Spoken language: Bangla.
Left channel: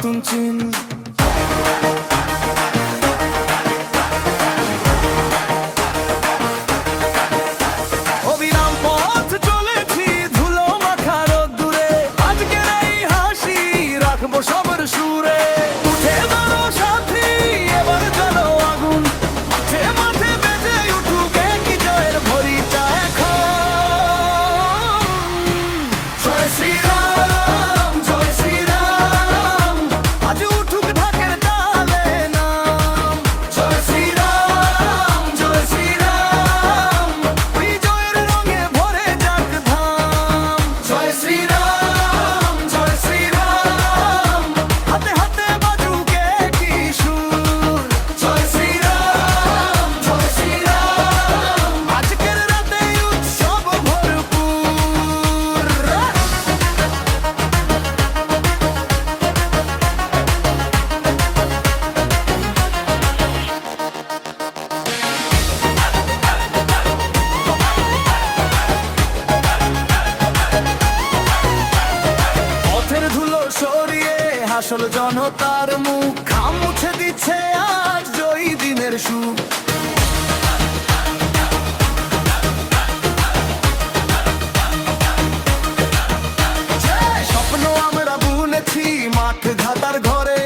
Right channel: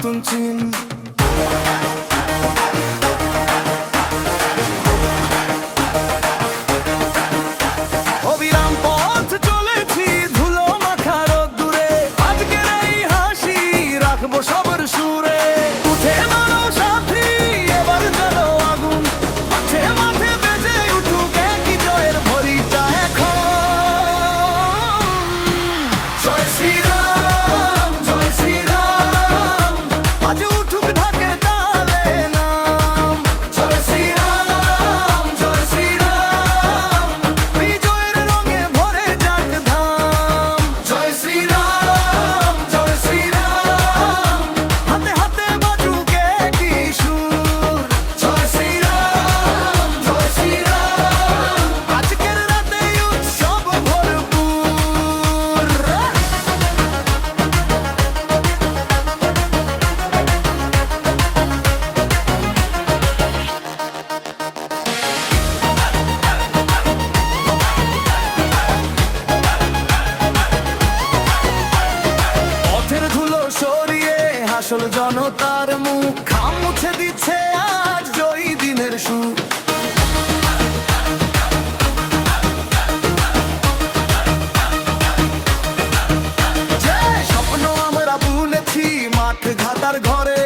নতুন চিন। অবিরাম পথ চলেছি ধুলো মাখা রোদ্দুরে, আজকের এই হাসি রাখবো সবার সুরে। উঠে দাঁড়াও সাথী, এবার জ্বালো আগুন, মাঠে মাঠে বেজে উঠুক একই জয়ের ভরিটা এখন। জয় শ্রীরাম, জয় শ্রীরাম, আজ উঠুক ঢাকের তালে নাম। জয় শ্রীরাম, জয় শ্রীরাম, বিজয়ের রঙে ভরে যাক ধাম। জয় শ্রীরাম, জয় শ্রীরাম, হাতে হাতে বাজুক একই সুর। জয় শ্রীরাম, জয় শ্রীরাম, আজকের রাতে উৎসব ভরপুর। পথের ধুলো সরিয়ে হাসল জনতার মুখ, ঘাম মুছে দিচ্ছে আজ জয়ী দিনের সুখ। যে স্বপ্ন আমরা বুনেছি মাঠ ঘাটার ঘরে,